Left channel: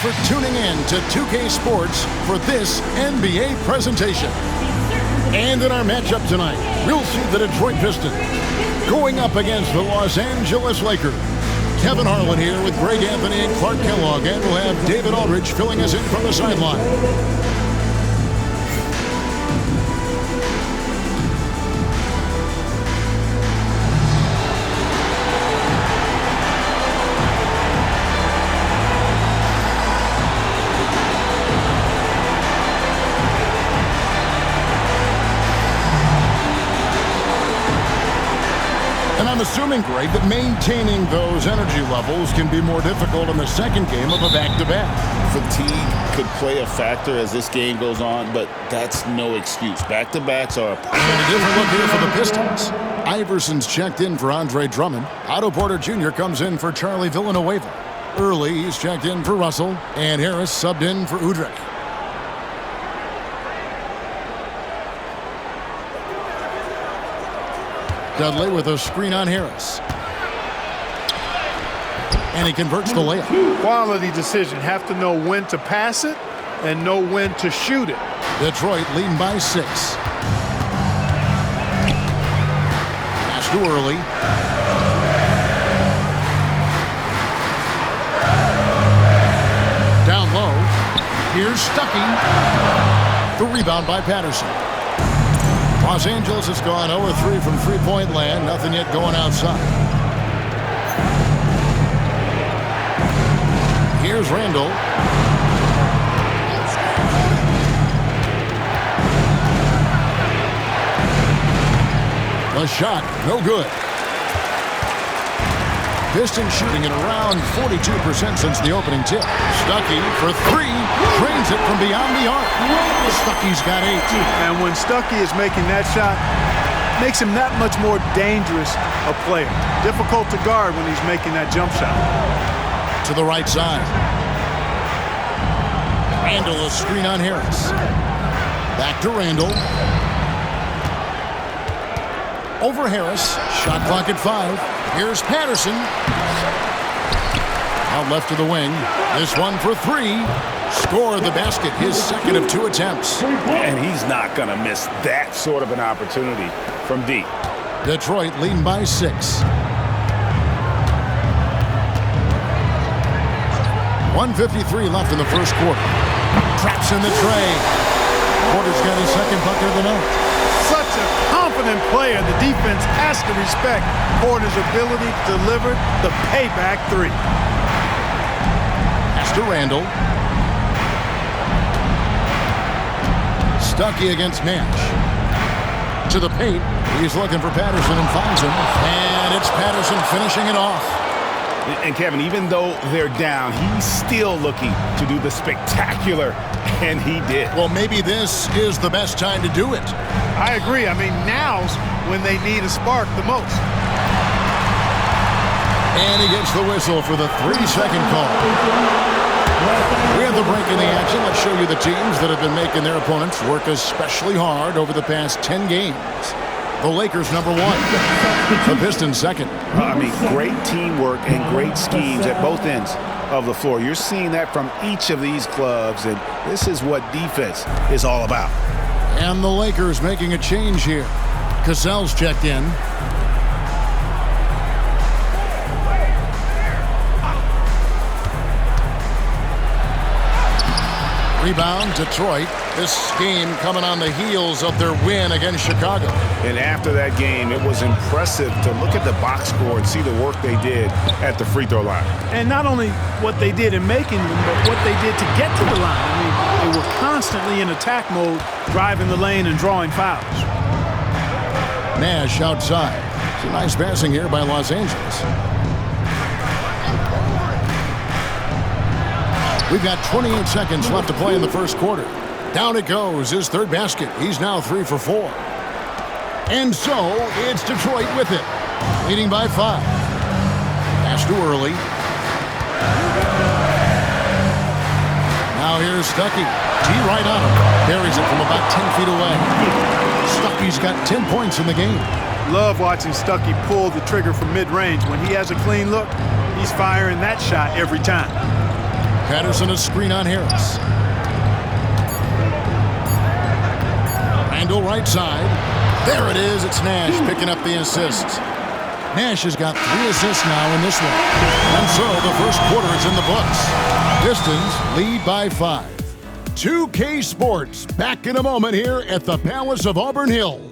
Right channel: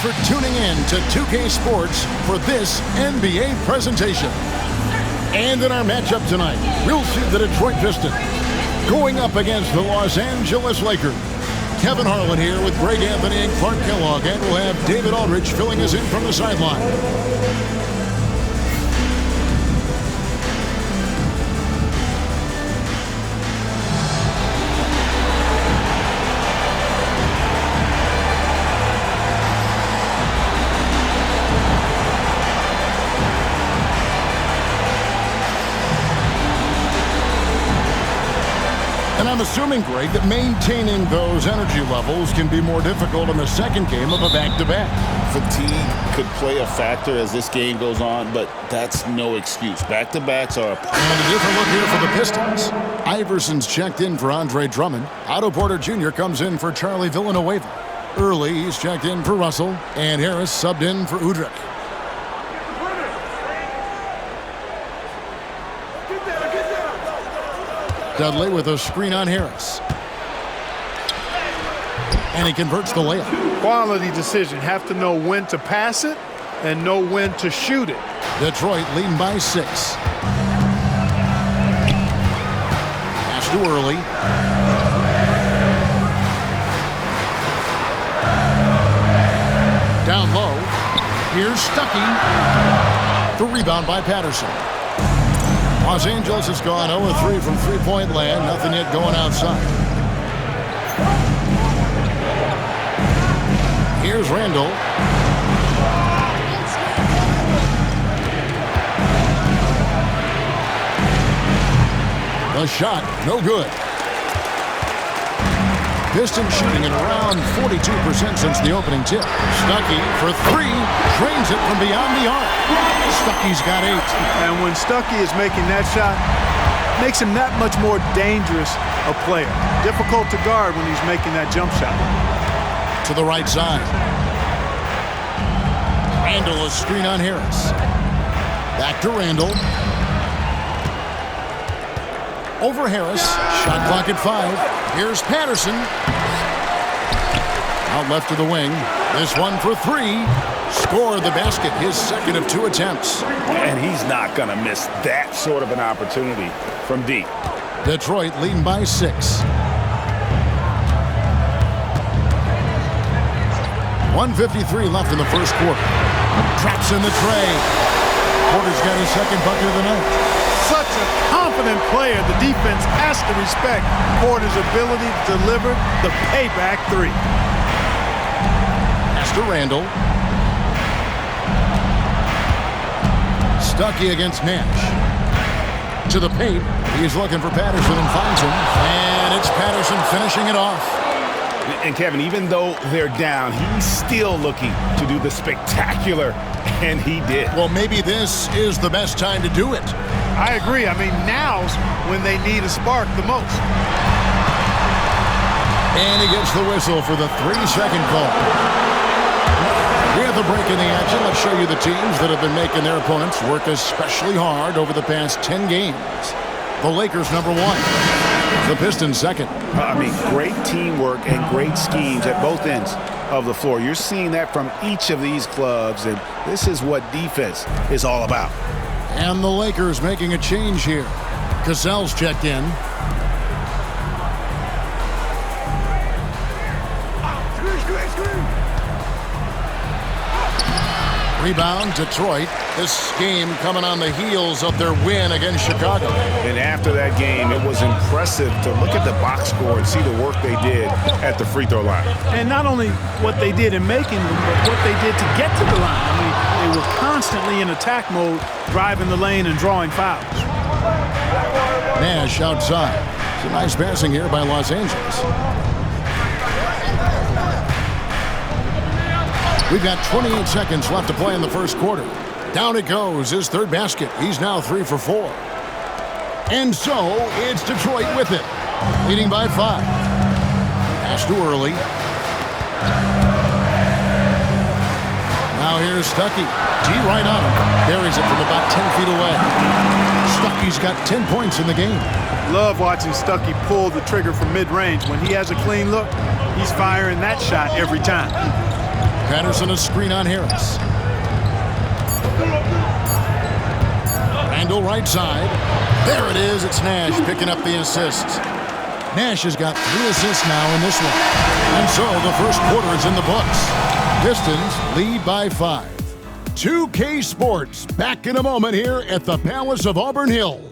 for tuning in to 2K Sports for this NBA presentation. And in our matchup tonight, we'll see the Detroit Pistons going up against the Los Angeles Lakers. Kevin Harlan here with Greg Anthony and Clark Kellogg, and we'll have David Aldridge filling us in from the sideline. And I'm assuming, Greg, that maintaining those energy levels can be more difficult in the second game of a back-to-back. Fatigue could play a factor as this game goes on, but that's no excuse. Back-to-backs are And a different look here for the Pistons. Iverson's checked in for Andre Drummond. Otto Porter Jr. comes in for Charlie Villanueva. Early, he's checked in for Russell. And Harris subbed in for Udrih. Dudley with a screen on Harris. And he converts the layup. Quality decision. Have to know when to pass it and know when to shoot it. Detroit leading by 6. Pass to Early. Down low. Here's Stuckey. The rebound by Patterson. Los Angeles has gone 0-3 from three-point land. Nothing yet going outside. Here's Randall. The shot, no good. Pistons shooting at around 42% since the opening tip. Stuckey for 3, trains it from beyond the arc. Stuckey's got 8. And when Stuckey is making that shot, makes him that much more dangerous a player. Difficult to guard when he's making that jump shot. To the right side. Randall, a screen on Harris. Back to Randall. Over Harris. Shot clock at 5. Here's Patterson. Out left to the wing. This one for 3. Scored the basket, his second of 2 attempts. And he's not going to miss that sort of an opportunity from deep. Detroit leading by 6. 1:53 left in the first quarter. Traps in the tray. Porter's got his second bucket of the night. Such a confident player. The defense has to respect Porter's ability to deliver the payback 3. Pass to Randall. Stuckey against Nash. To the paint. He's looking for Patterson and finds him. And it's Patterson finishing it off. And Kevin, even though they're down, he's still looking to do the spectacular, and he did. Well, maybe this is the best time to do it. I agree. I mean, now's when they need a spark the most. And he gets the whistle for the 3-second call. We have the break in the action. Let's show you the teams that have been making their opponents work especially hard over the past 10 games. The Lakers, number 1. The Pistons, second. I mean, great teamwork and great schemes at both ends of the floor. You're seeing that from each of these clubs, and this is what defense is all about. And the Lakers making a change here. Cassell's checked in. Rebound, Detroit. This game coming on the heels of their win against Chicago. And after that game, it was impressive to look at the box score and see the work they did at the free throw line. And not only what they did in making them, but what they did to get to the line. I mean, they were constantly in attack mode, driving the lane and drawing fouls. Nash outside. It's a nice passing here by Los Angeles. We've got 28 seconds left to play in the first quarter. Down it goes, his third basket. He's now 3 for 4. And so, it's Detroit with it, leading by 5. Pass to Early. Now here's Stuckey. G right on him. Buries it from about 10 feet away. Stuckey's got 10 points in the game. Love watching Stuckey pull the trigger from mid-range. When he has a clean look, he's firing that shot every time. Patterson a screen on Harris. Randall right side. There it is. It's Nash picking up the assist. Nash has got 3 assists now in this one. And so the first quarter is in the books. Pistons lead by 5. 2K Sports back in a moment here at the Palace of Auburn Hills.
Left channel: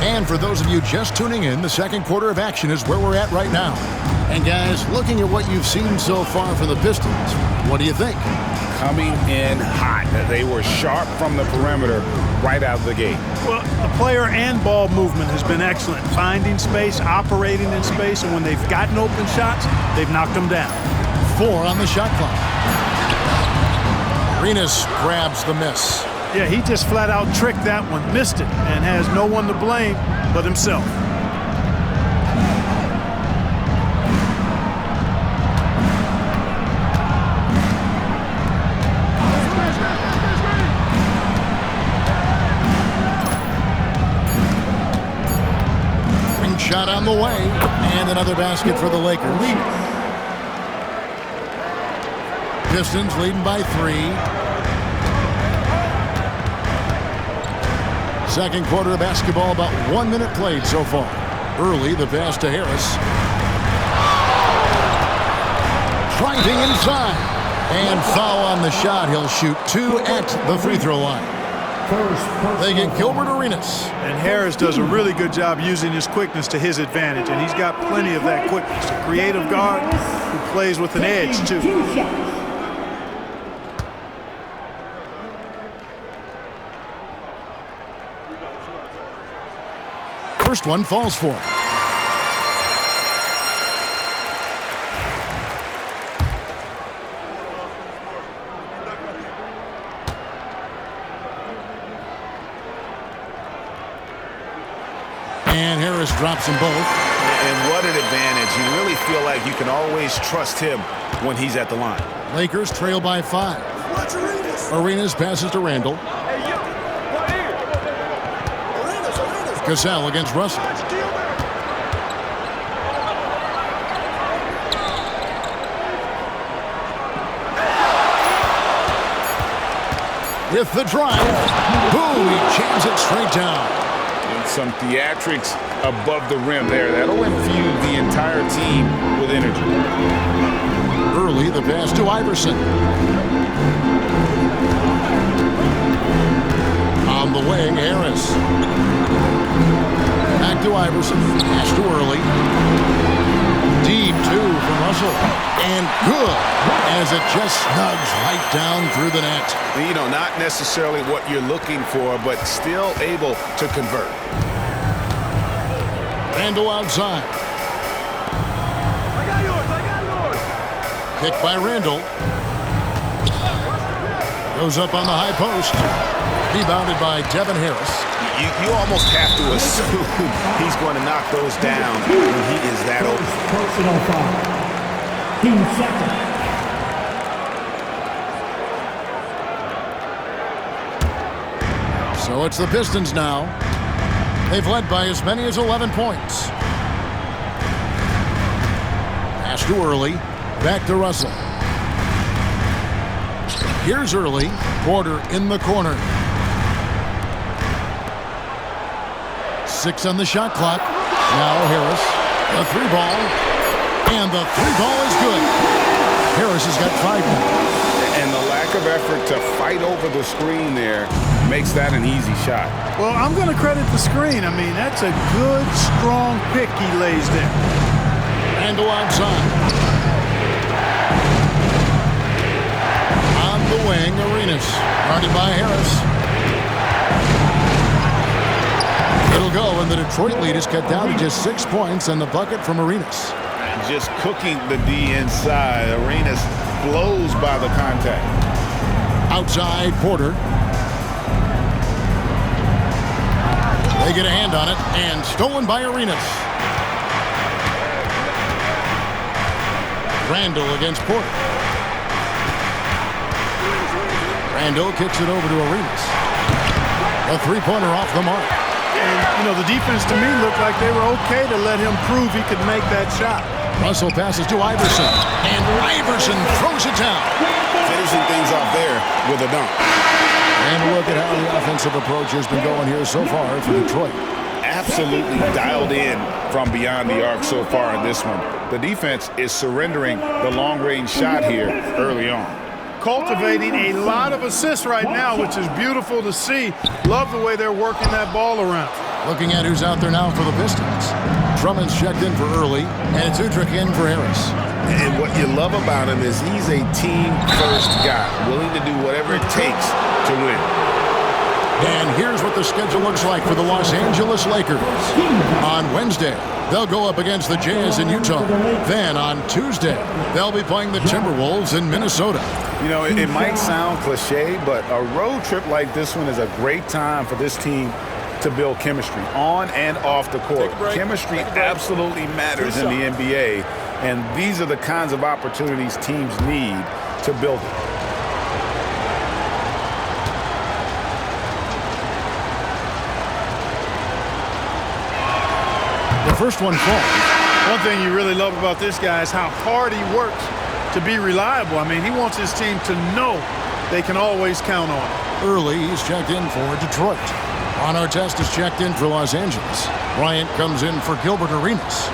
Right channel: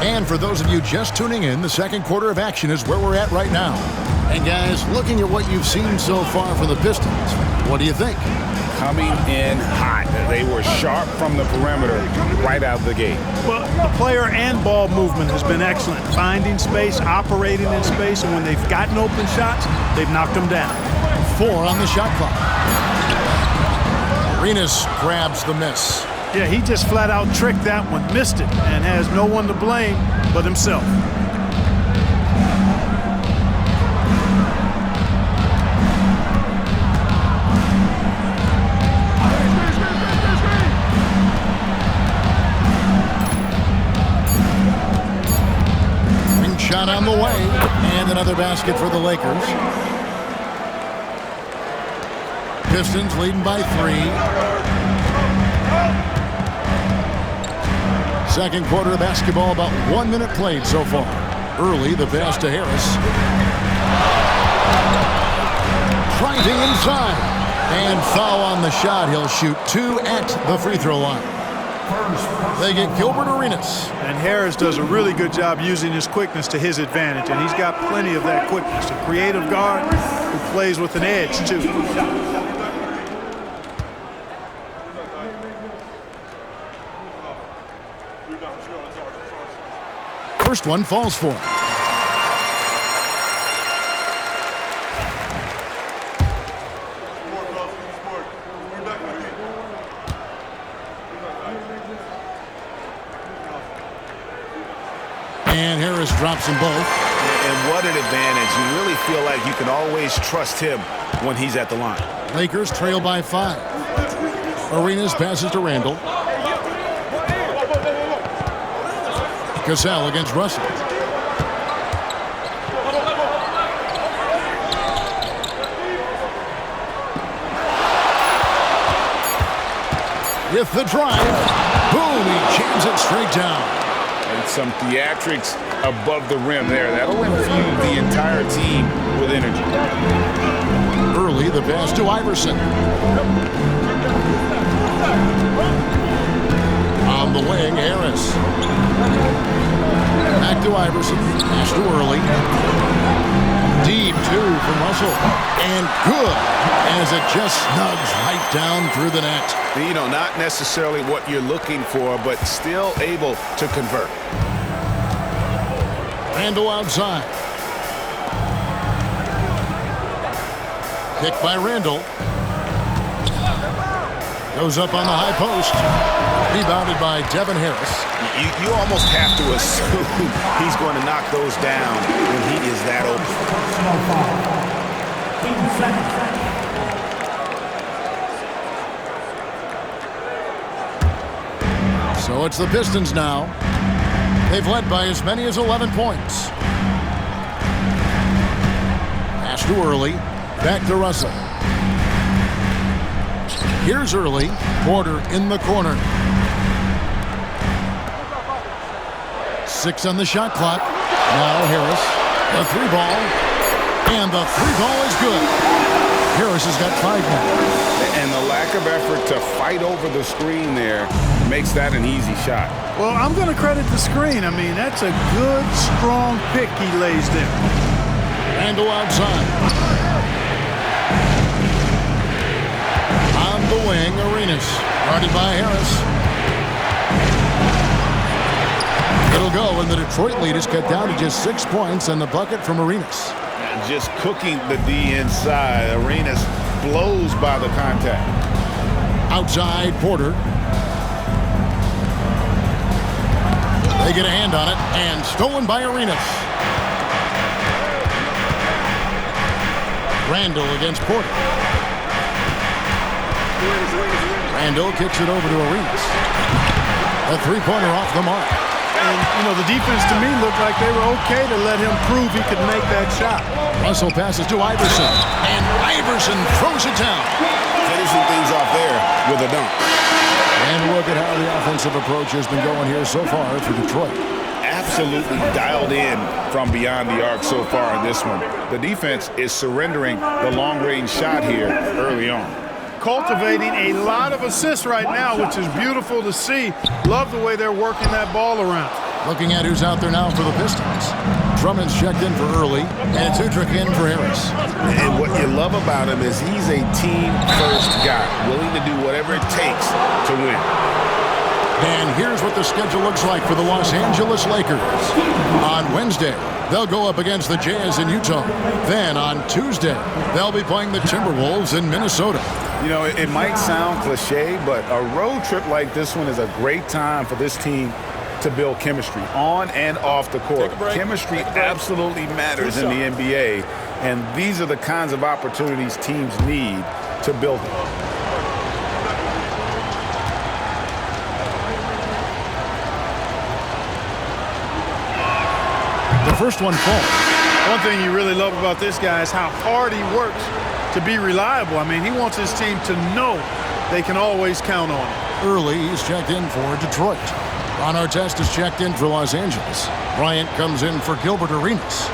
And for those of you just tuning in, the second quarter of action is where we're at right now. And guys, looking at what you've seen so far from the Pistons, what do you think? Coming in hot. They were sharp from the perimeter right out of the gate. Well, the player and ball movement has been excellent. Finding space, operating in space, and when they've gotten open shots, they've knocked them down. 4 on the shot clock. Arenas grabs the miss. Yeah, he just flat out tricked that one, missed it, and has no one to blame but himself. Ring shot on the way, and another basket for the Lakers. Pistons leading by 3. Second quarter of basketball, about 1 minute played so far. Early, the pass to Harris. Driving inside. And foul on the shot. He'll shoot 2 at the free throw line. They get Gilbert Arenas. And Harris does a really good job using his quickness to his advantage, and he's got plenty of that quickness. A creative guard who plays with an edge, too. First one falls for him. And Harris drops them both. And what an advantage. You really feel like you can always trust him when he's at the line. Lakers trail by 5. Arenas passes to Randall. Cassell against Russell. With the drive. Boom, he jams it straight down. And some theatrics above the rim there. That'll infuse the entire team with energy. Early, the pass to Iverson. On the wing, Harris. Back to Iverson. Pass to Early. Deep 2 from Russell. And good as it just snugs right down through the net. You know, not necessarily what you're looking for, but still able to convert. Randall outside. I got yours. Picked by Randall. Goes up on the high post. Rebounded by Devin Harris. You almost have to assume he's going to knock those down when he is that open. Personal foul. 15 seconds. So it's the Pistons now. They've led by as many as 11 points. Pass to Early. Back to Russell. Here's Early. Porter in the corner. 6 on the shot clock. Now Harris. The 3 ball. And the 3 ball is good. Harris has got 5 now. And the lack of effort to fight over the screen there makes that an easy shot. Well, I'm going to credit the screen. I mean, that's a good, strong pick he lays there. Randall outside. On the wing, Arenas. Guarded by Harris. It'll go, and the Detroit lead is cut down to just 6 points and the bucket from Arenas. Just cooking the D inside. Arenas blows by the contact. Outside, Porter. They get a hand on it, and stolen by Arenas. Randall against Porter. Randall kicks it over to Arenas. A three-pointer off the mark. And, you know, the defense to me looked like they were okay to let him prove he could make that shot. Russell passes to Iverson, and Iverson throws it down. Finishing things off there with a dunk. And look at how the offensive approach has been going here so far for Detroit. Absolutely dialed in from beyond the arc so far in this one. The defense is surrendering the long-range shot here early on. Cultivating a lot of assists right now, which is beautiful to see. Love the way they're working that ball around. Looking at who's out there now for the Pistons. Drummond's checked in for early, and it's Udrich in for Harris. And what you love about him is he's a team-first guy, willing to do whatever it takes to win. And here's what the schedule looks like for the Los Angeles Lakers. On Wednesday, they'll go up against the Jazz in Utah. Then on Tuesday, they'll be playing the Timberwolves in Minnesota. You know, it might sound cliche, but a road trip like this one is a great time for this team to build chemistry on and off the court. Chemistry absolutely matters in the NBA, and these are the kinds of opportunities teams need to build it. The first one falls. One thing you really love about this guy is how hard he works to be reliable. I mean, he wants his team to know they can always count on it. Early, he's checked in for Detroit. Ron Artest is checked in for Los Angeles. Bryant comes in for Gilbert Arenas.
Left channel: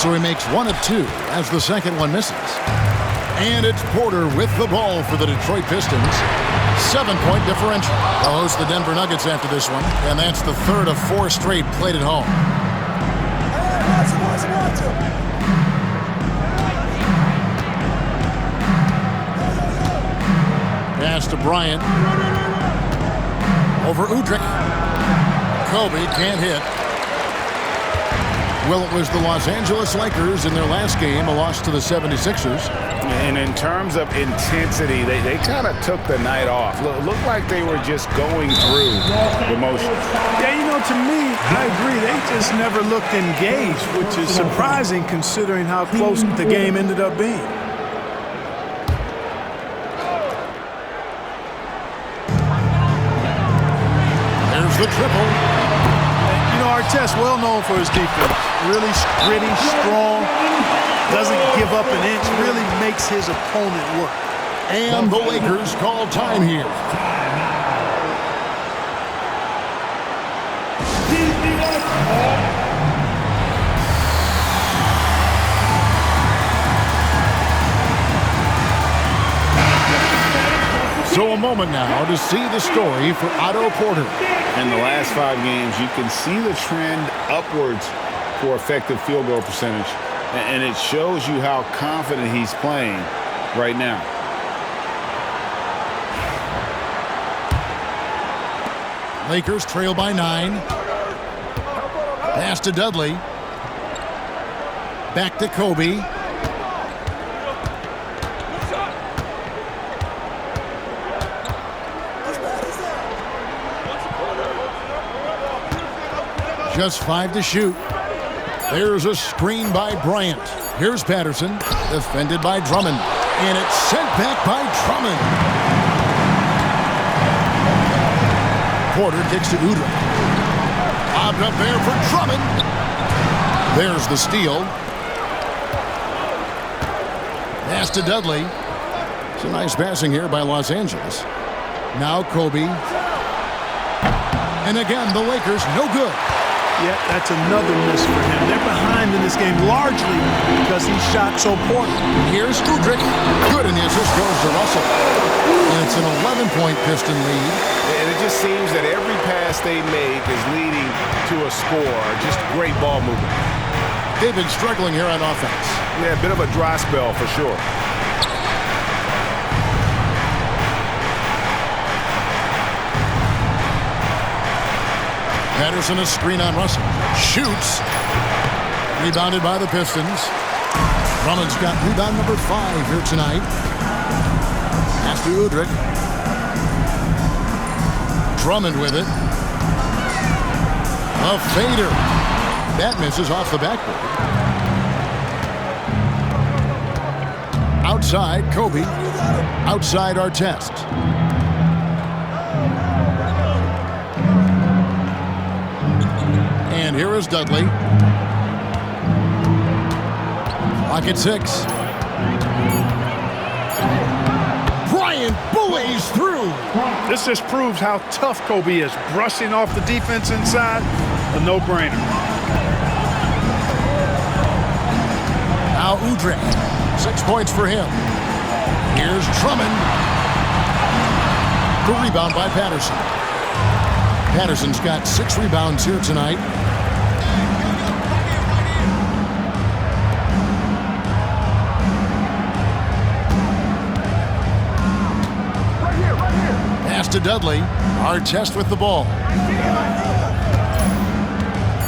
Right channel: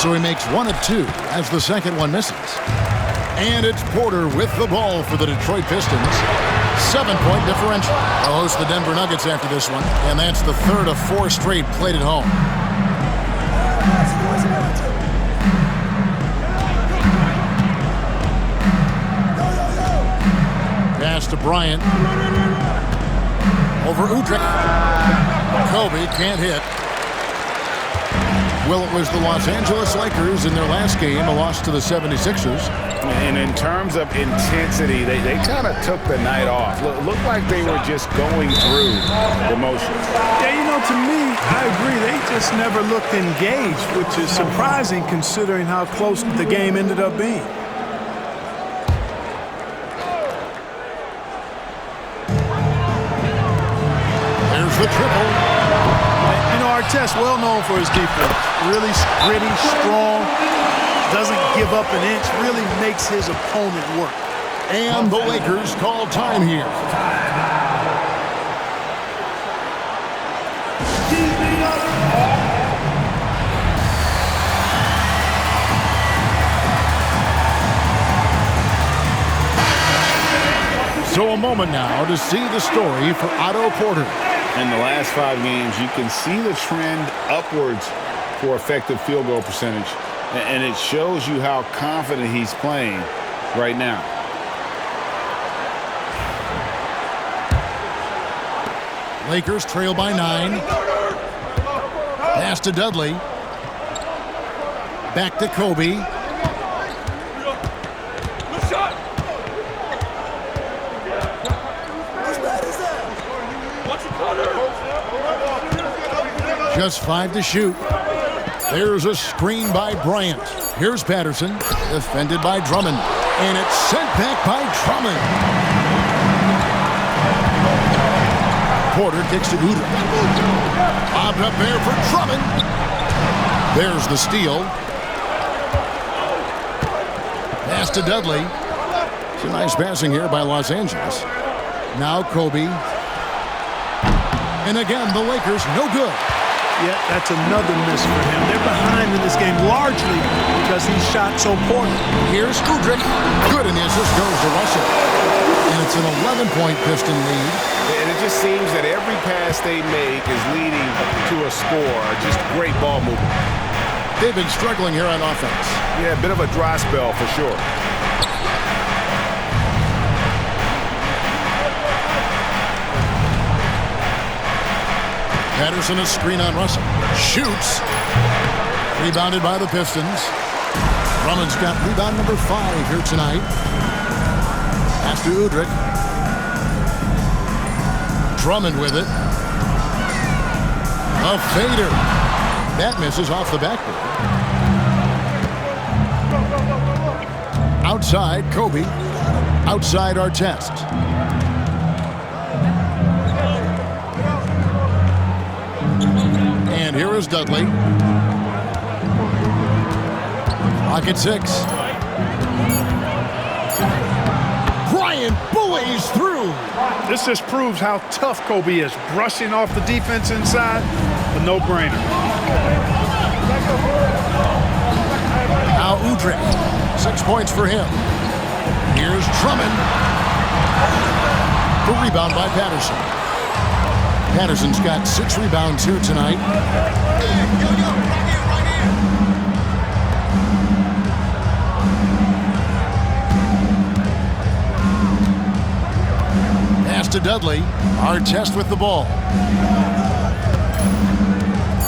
So he makes one of two as the second one misses. And it's Porter with the ball for the Detroit Pistons. 7-point differential. They'll host the Denver Nuggets after this one, and that's the third of 4 straight played at home. Pass to Bryant. Over Udrich. Kobe can't hit. Well, it was the Los Angeles Lakers in their last game, a loss to the 76ers. And in terms of intensity, they kind of took the night off. Looked like they were just going through the motions. Yeah, you know, to me, I agree. They just never looked engaged, which is surprising considering how close the game ended up being. There's the triple. You know, Artest, well known for his defense. Really gritty, strong, doesn't give up an inch, really makes his opponent work. And the Lakers call time here. So a moment now to see the story for Otto Porter. In the last 5 games, you can see the trend upwards for effective field goal percentage, and it shows you how confident he's playing right now. Lakers trail by 9. Pass to Dudley. Back to Kobe. Just 5 to shoot. There's a screen by Bryant. Here's Patterson, defended by Drummond. And it's sent back by Drummond. Porter kicks to Udrich. Bobbed up there for Drummond. There's the steal. Pass to Dudley. It's a nice passing here by Los Angeles. Now Kobe. And again, the Lakers no good. Yeah, that's another miss for him. They're behind in this game largely because he shot so poorly. Here's Udrich. Good, and the assist goes to Russell. And it's an 11-point Piston lead. And it just seems that every pass they make is leading to a score. Just great ball movement. They've been struggling here on offense. Yeah, a bit of a dry spell for sure. Patterson a screen on Russell. Shoots. Rebounded by the Pistons. Drummond's got rebound number 5 here tonight. Pass to Udrich. Drummond with it. A fader. That misses off the backboard. Outside, Kobe. Outside, Artest. And here is Dudley. Clock at 6. Bryant bullies through. This just proves how tough Kobe is. Brushing off the defense inside, a no-brainer. Now Udrih, 6 points for him. Here's Drummond. The rebound by Patterson. Patterson's got 6 rebounds here tonight. Pass to Dudley. Artest with the ball.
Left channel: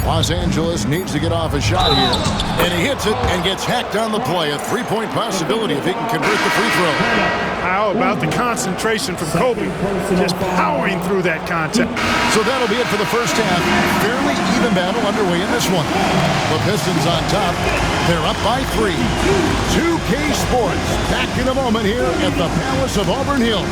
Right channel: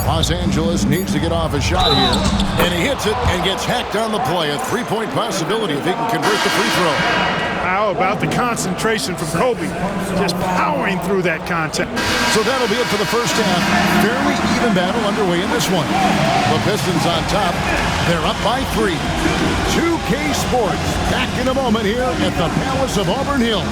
Los Angeles needs to get off a shot here. And he hits it and gets hacked on the play. A 3-point possibility if he can convert the free throw. How about the concentration from Kobe? Just powering through that contact. So that'll be it for the first half. Fairly even battle underway in this one. The Pistons on top. They're up by 3. 2K Sports back in a moment here at the Palace of Auburn Hill.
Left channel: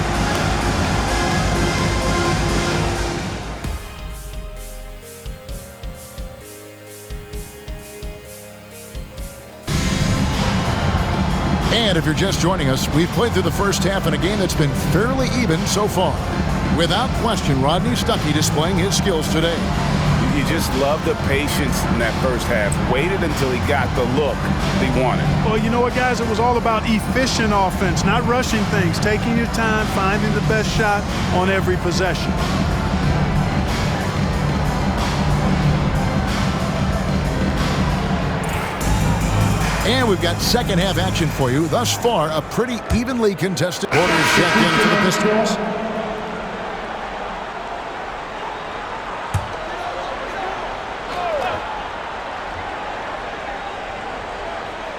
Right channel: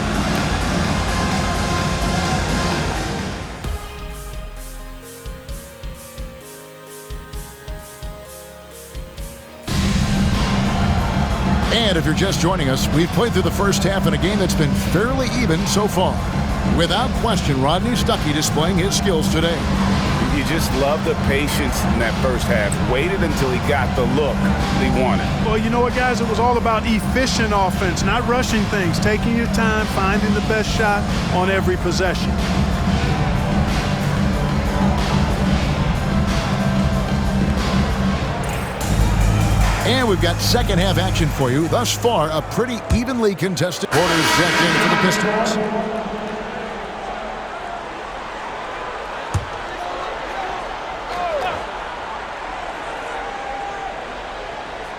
And if you're just joining us, we've played through the first half in a game that's been fairly even so far. Without question, Rodney Stuckey displaying his skills today. You just love the patience in that first half. Waited until he got the look he wanted. Well, you know what, guys? It was all about efficient offense, not rushing things, taking your time, finding the best shot on every possession. And we've got second half action for you. Thus far, a pretty evenly contested quarters checked in for the Pistons.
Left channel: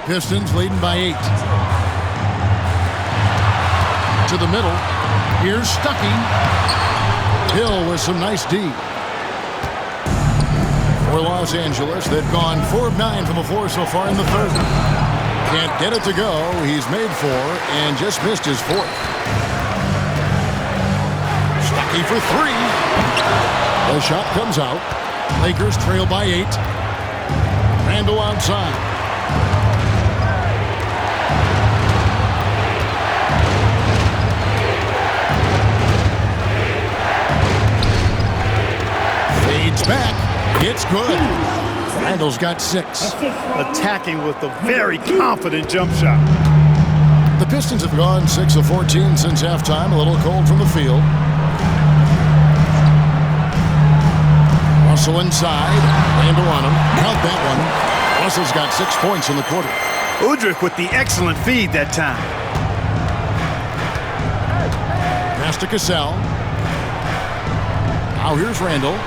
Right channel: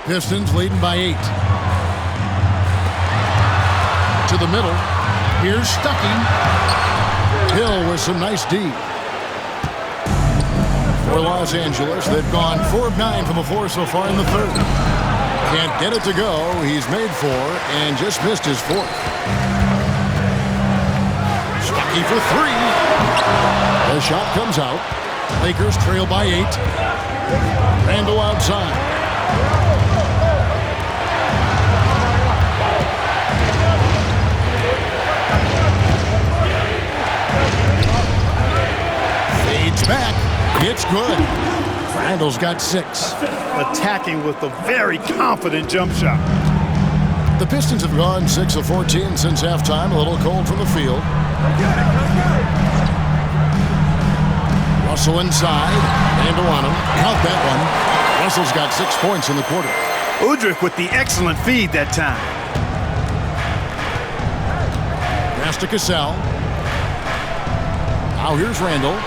Pistons leading by 8. To the middle. Here's Stuckey. Hill with some nice D. For Los Angeles, they've gone 4 of 9 from the floor so far in the third. Can't get it to go. He's made 4 and just missed his 4th. Stuckey for 3. The shot comes out. Lakers trail by 8. Randall outside. Fades back. It's good. Randall's got 6. Attacking with a very confident jump shot. The Pistons have gone 6 of 14 since halftime. A little cold from the field. Russell inside. Randall on him. Count that one. Russell's got 6 points in the quarter. Udrih with the excellent feed that time. Pass to Cassell. Now here's Randall.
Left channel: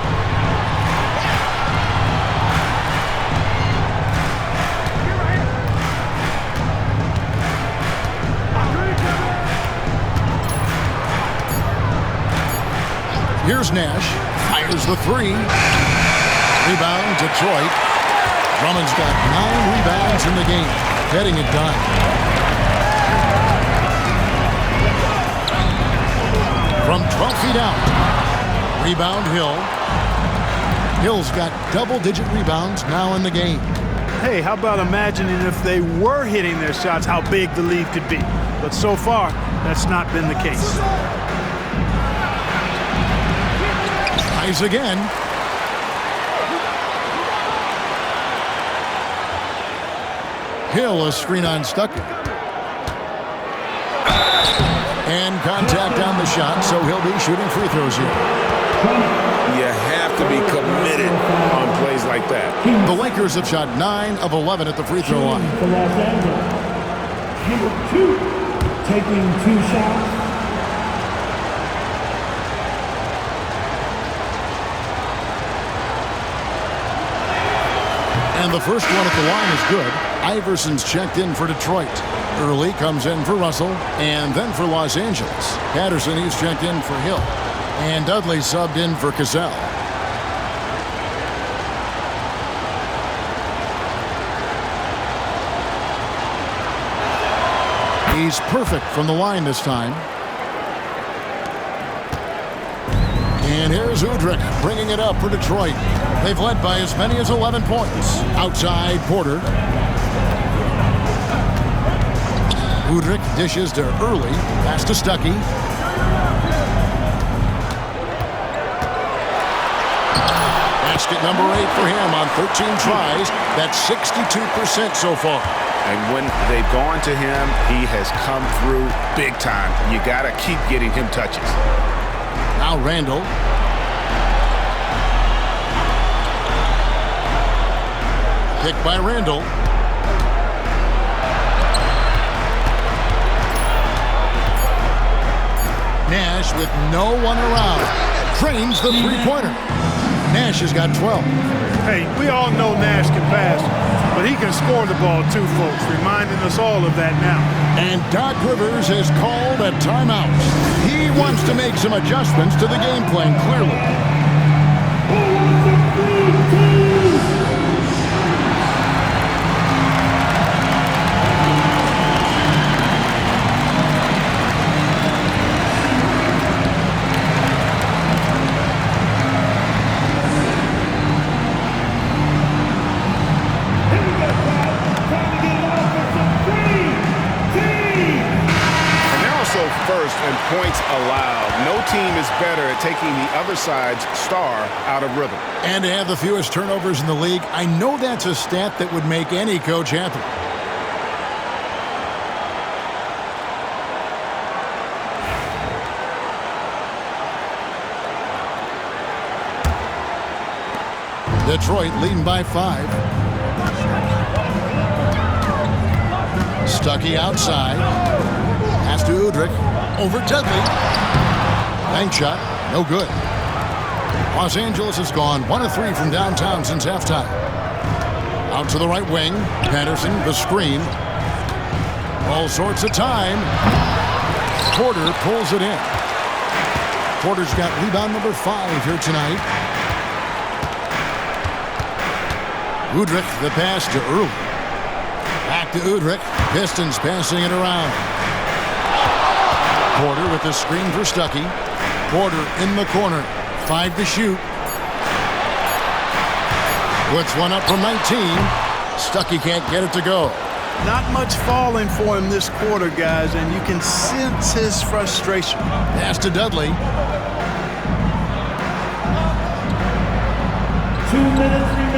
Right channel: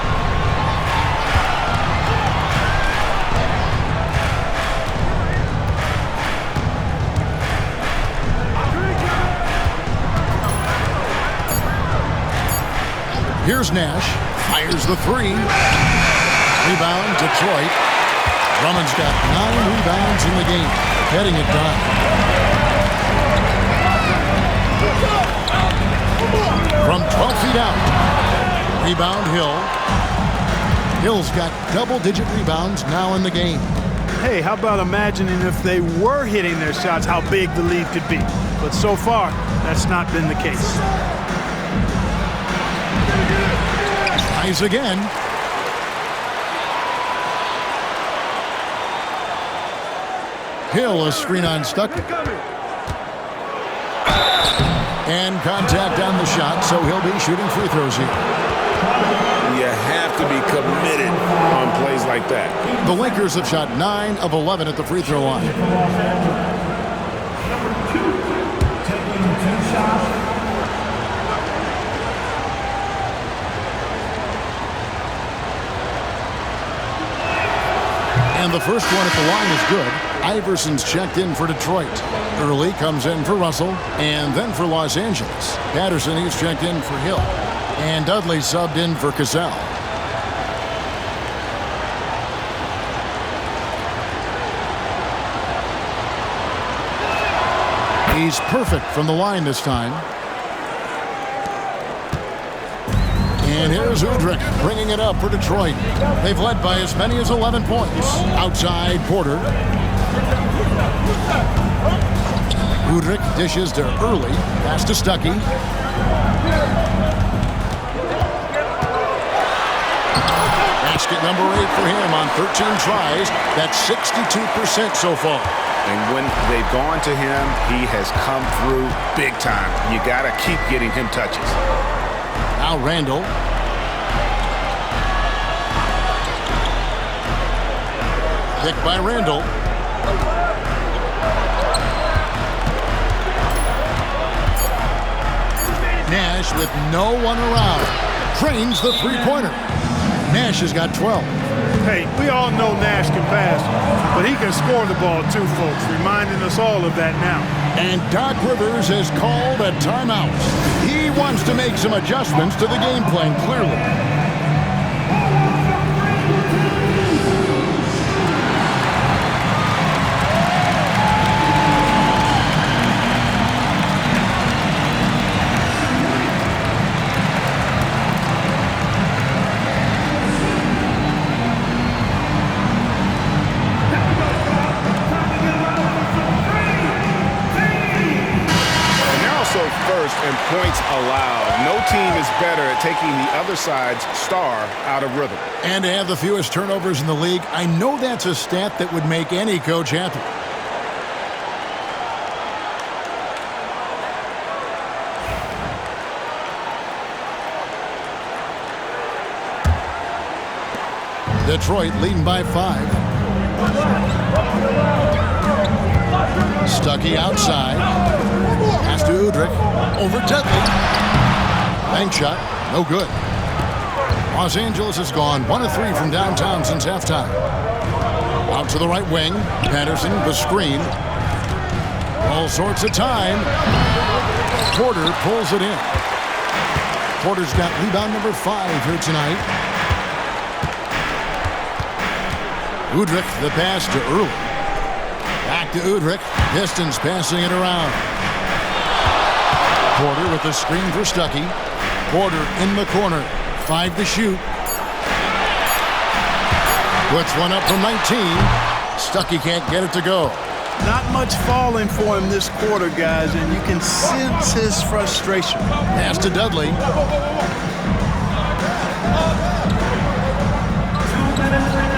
Here's Nash. Fires the 3. Rebound, Detroit. Drummond's got 9 rebounds in the game. Getting it done. From 12 feet out. Rebound, Hill. Hill's got double-digit rebounds now in the game. Hey, how about imagining if they were hitting their shots, how big the lead could be? But so far, that's not been the case. Tries again. Hill, a screen on Stuckey. And contact on the shot, so he'll be shooting free throws here. You have to be committed on plays like that. The Lakers have shot 9 of 11 at the free throw line. For Los Angeles. Number 2, taking 2 shots. And the first one at the line is good. Iverson's checked in for Detroit. Early comes in for Russell, and then for Los Angeles. Patterson, he's checked in for Hill. And Dudley subbed in for Cassell. He's perfect from the line this time. And here's Udrih bringing it up for Detroit. They've led by as many as 11 points. Outside Porter. Udrih dishes to Early. Pass to Stuckey. Basket number 8 for him on 13 tries. That's 62% so far. And when they've gone to him, he has come through big time. You got to keep getting him touches. Now Randall. Pick by Randall. Nash with no one around. Drains the three-pointer. Nash has got 12. Hey, we all know Nash can pass, but he can score the ball too, folks, reminding us all of that now. And Doc Rivers has called a timeout. He wants to make some adjustments to the game plan, clearly. First and points allowed. No team is better at taking the other side's star out of rhythm. And to have the fewest turnovers in the league, I know that's a stat that would make any coach happy. Detroit leading by 5. Stuckey outside. Pass to Udrih. Over Dudley. Bank shot. No good. Los Angeles has gone 1 of 3 from downtown since halftime. Out to the right wing. Patterson, the screen. All sorts of time. Porter pulls it in. Porter's got rebound number 5 here tonight. Udrih, the pass to Early. Back to Udrih. Pistons passing it around. Porter with the screen for Stuckey. Porter in the corner. 5 to shoot. Puts one up from 19. Stuckey can't get it to go. Not much falling for him this quarter, guys, and you can sense his frustration. Pass to Dudley. 2 minutes remaining.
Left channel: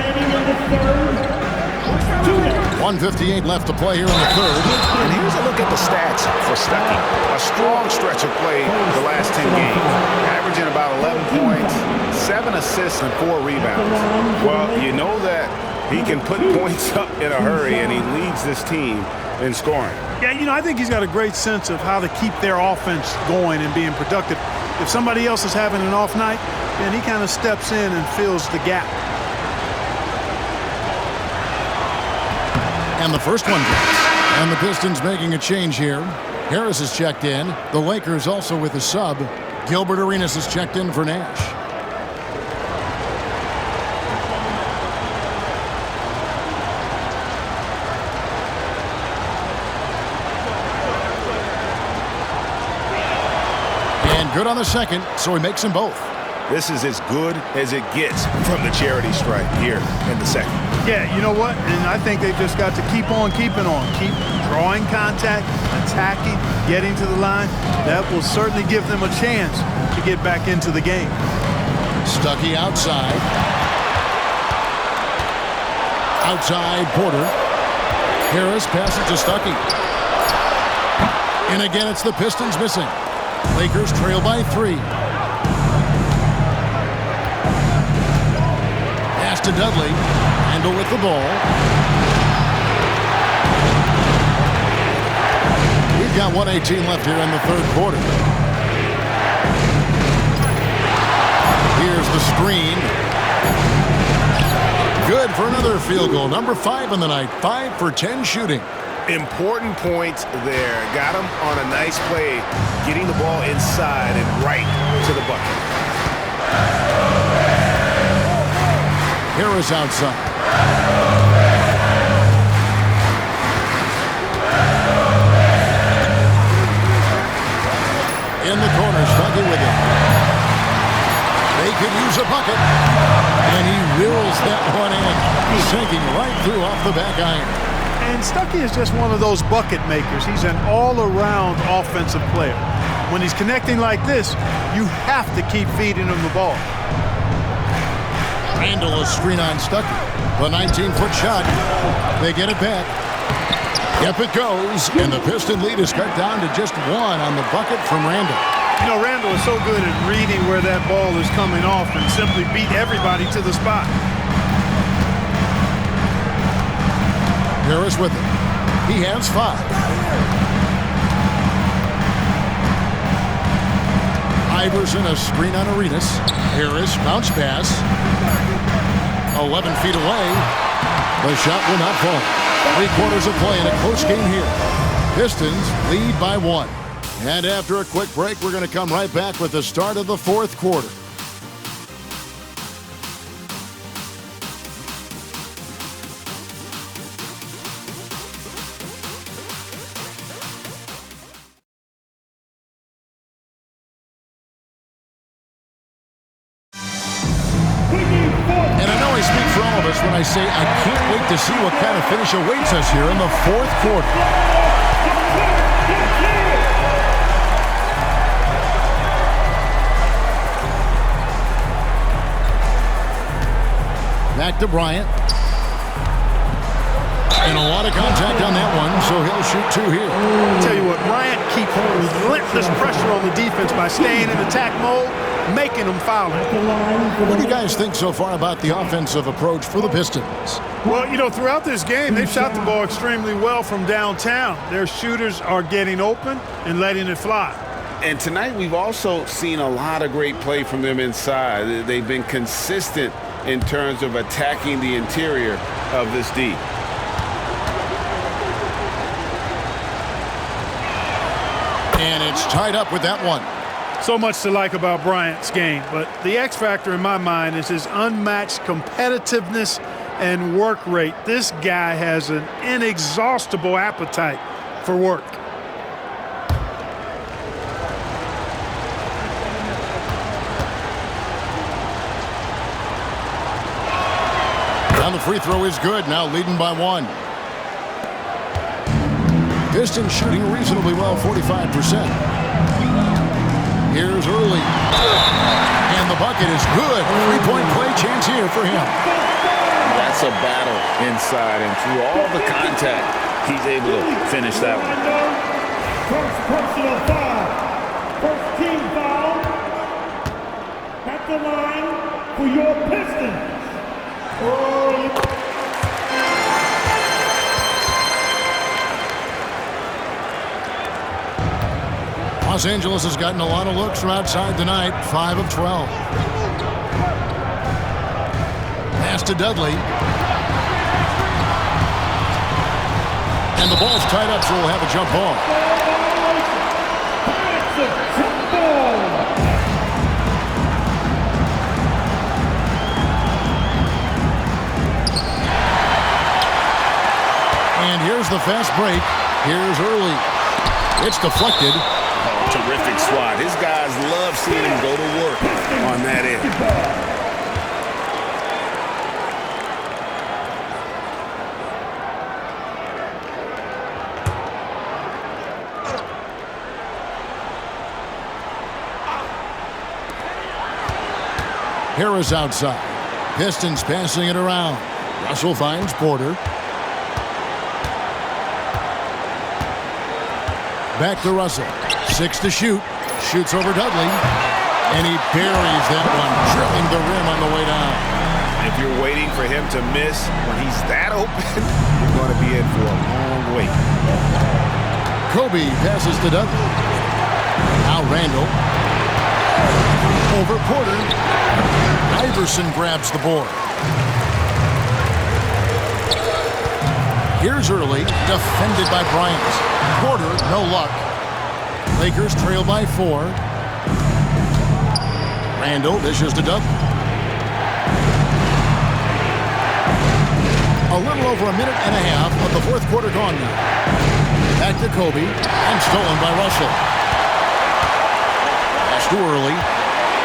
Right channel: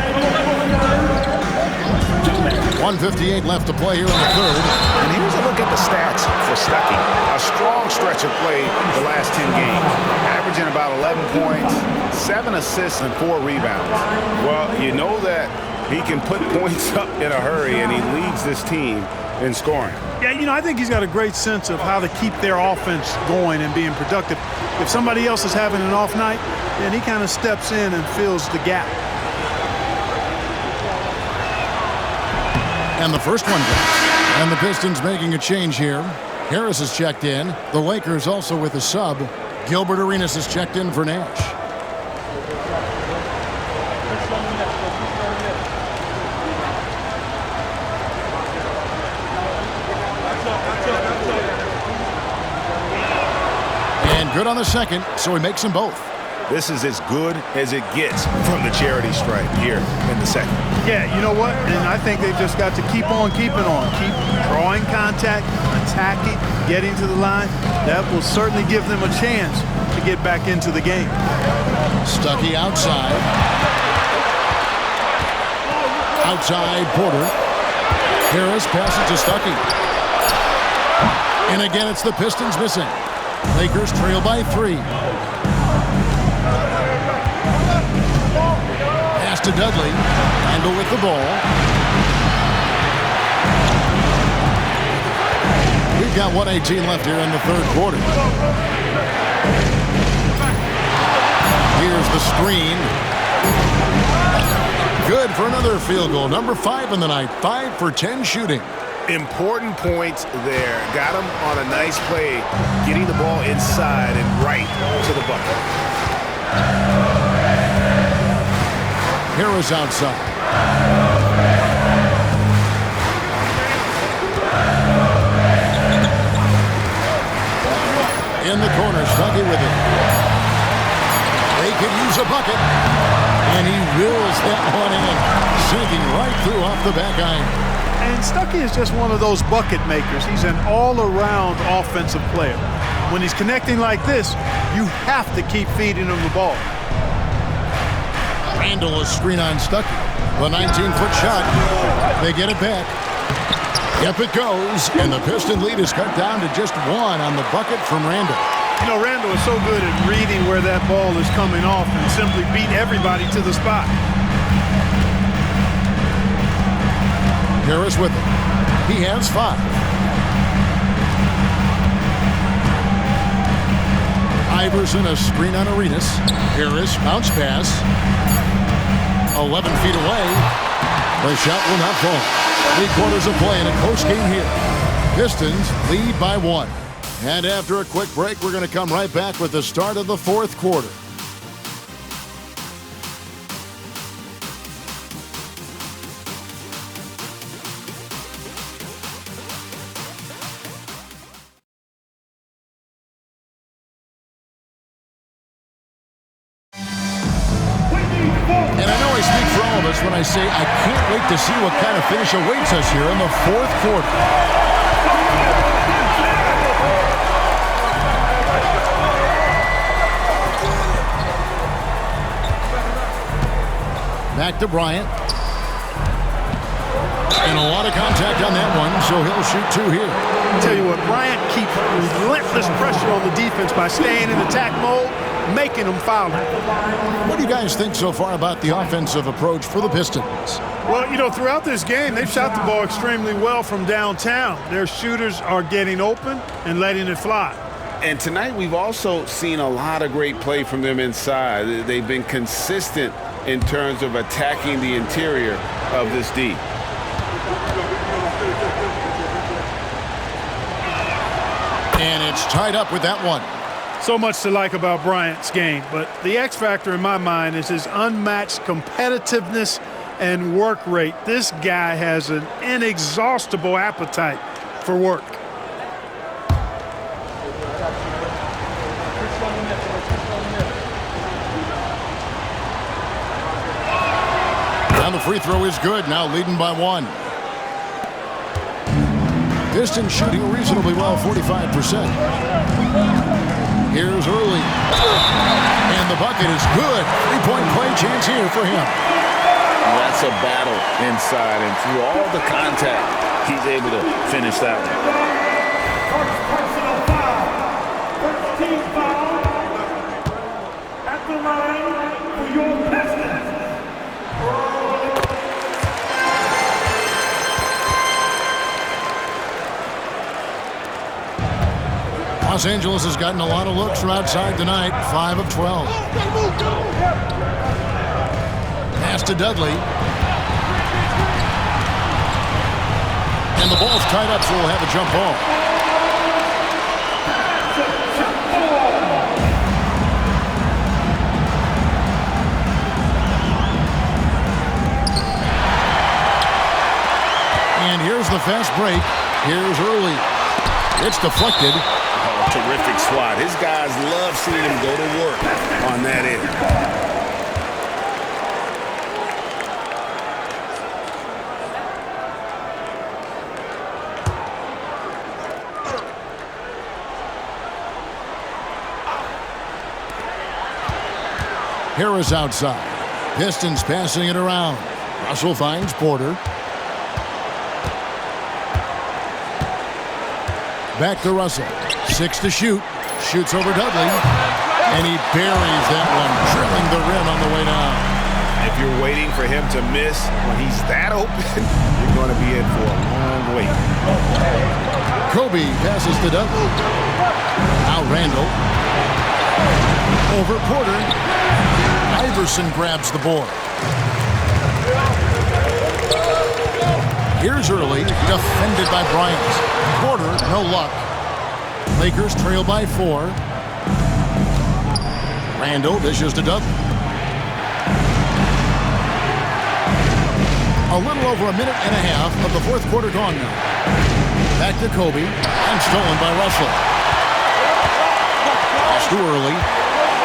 1:58 left to play here in the third. And here's a look at the stats for Stuckey. A strong stretch of play the last 10 games, averaging about 11 points, 7 assists, and 4 rebounds. Well, you know that he can put points up in a hurry, and he leads this team in scoring. Yeah, you know, I think he's got a great sense of how to keep their offense going and being productive. If somebody else is having an off night, then he kind of steps in and fills the gap. And the first one drops. And the Pistons making a change here. Harris is checked in. The Lakers also with a sub. Gilbert Arenas is checked in for Nash. And good on the second, so he makes them both. This is as good as it gets from the charity stripe here in the second. Yeah, you know what? And I think they've just got to keep on keeping on. Keep drawing contact, attacking, getting to the line. That will certainly give them a chance to get back into the game. Stuckey outside. Outside Porter. Harris passes to Stuckey. And again, it's the Pistons missing. Lakers trail by 3. Pass to Dudley. Randall with the ball. We've got 1:18 left here in the third quarter. Here's the screen. Good for another field goal. Number 5 in the night. 5 for 10 shooting. Important points there. Got him on a nice play, getting the ball inside and right to the bucket. Harris outside. In the corner, Stuckey with it. They could use a bucket. And he wills that one in, sinking right through off the back iron. And Stuckey is just one of those bucket makers. He's an all-around offensive player. When he's connecting like this, you have to keep feeding him the ball. Randall a screen on Stuckey. The 19-foot shot. They get it back. Yep, it goes. And the Piston lead is cut down to just one on the bucket from Randall. You know, Randall is so good at reading where that ball is coming off and simply beat everybody to the spot. Harris with it. He has 5. Iverson a screen on Arenas. Harris bounce pass. 11 feet away. The shot will not fall. 3 quarters of play in a close game here. Pistons lead by 1. And after a quick break, we're going to come right back with the start of the 4th quarter. And I know I speak for all of us when I say I can't wait to see what kind of finish awaits us here in the 4th quarter. Back to Bryant. And a lot of contact on that one, so he'll shoot 2 here. I'll tell you what, Bryant keeps relentless pressure on the defense by staying in attack mode, making them foul him. What do you guys think so far about the offensive approach for the Pistons? Well, you know, throughout this game, they've shot the ball extremely well from downtown. Their shooters are getting open and letting it fly. And tonight we've also seen a lot of great play from them inside. They've been consistent in terms of attacking the interior of this D. And it's tied up with that one. So much to like about Bryant's game, but the X factor in my mind is his unmatched competitiveness and work rate. This guy has an inexhaustible appetite for work. Now the free throw is good, now leading by 1. Pistons shooting reasonably well, 45%. Here's Early. And the bucket is good. 3-point play chance here for him. That's a battle inside, and through all the contact, he's able to finish that one. First personal foul. First team foul. At the line for your Pistons. Los Angeles has gotten a lot of looks from outside tonight, 5 of 12. Pass to Dudley. And the ball's tied up, so we'll have a jump ball. And here's the fast break. Here's Early. It's deflected. Oh, terrific swat. His guys love seeing him go to work on that end. Harris outside. Pistons passing it around. Russell finds Porter. Back to Russell. 6 to shoot. Shoots over Dudley. And he buries that one, drilling the rim on the way down. If you're waiting for him to miss when he's that open, you're going to be in for a long wait. Kobe passes to Dudley. Now Randall. Over Porter. Iverson grabs the board. Here's Early, defended by Bryant. Porter, no luck. Lakers trail by 4. Randall dishes to Dudley. A little over a minute and a half of the 4th quarter gone now. Back to Kobe, and stolen by Russell. Pass too early.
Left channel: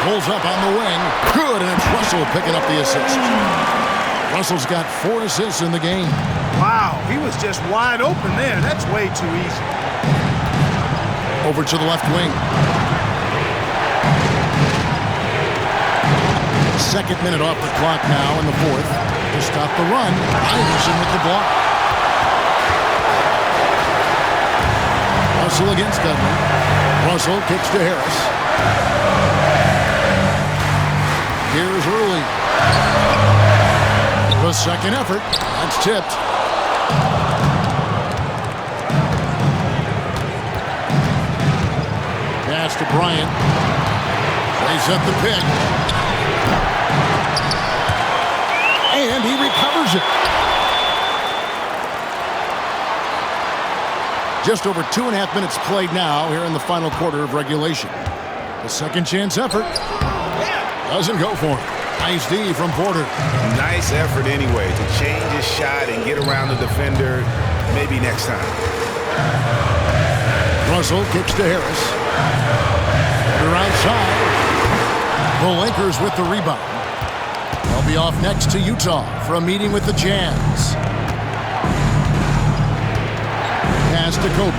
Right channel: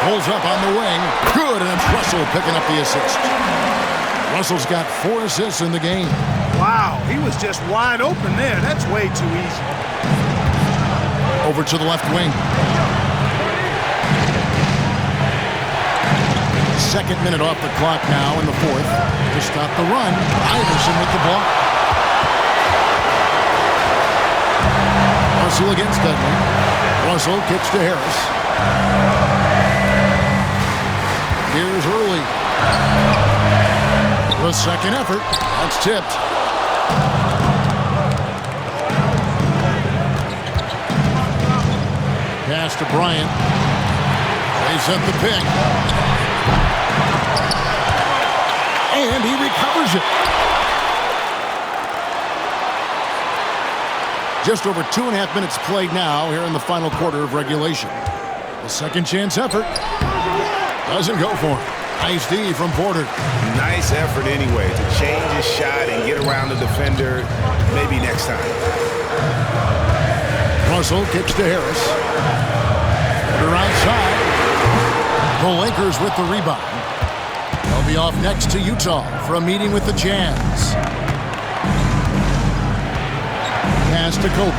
Pulls up on the wing. Good, and it's Russell picking up the assist. Russell's got 4 assists in the game. Wow, he was just wide open there. That's way too easy. Over to the left wing. Second minute off the clock now in the fourth. To stop the run, Iverson with the block. Russell against Dudley. Russell kicks to Harris. Here's Early. The second effort. That's tipped. Pass to Bryant. They set the pick. And he recovers it. Just over 2.5 minutes played now here in the final quarter of regulation. The second chance effort doesn't go for him. Nice D from Porter. Nice effort anyway to change his shot and get around the defender maybe next time. Russell kicks to Harris. Porter outside. The Lakers with the rebound. They'll be off next to Utah for a meeting with the Jazz. Pass to Kobe.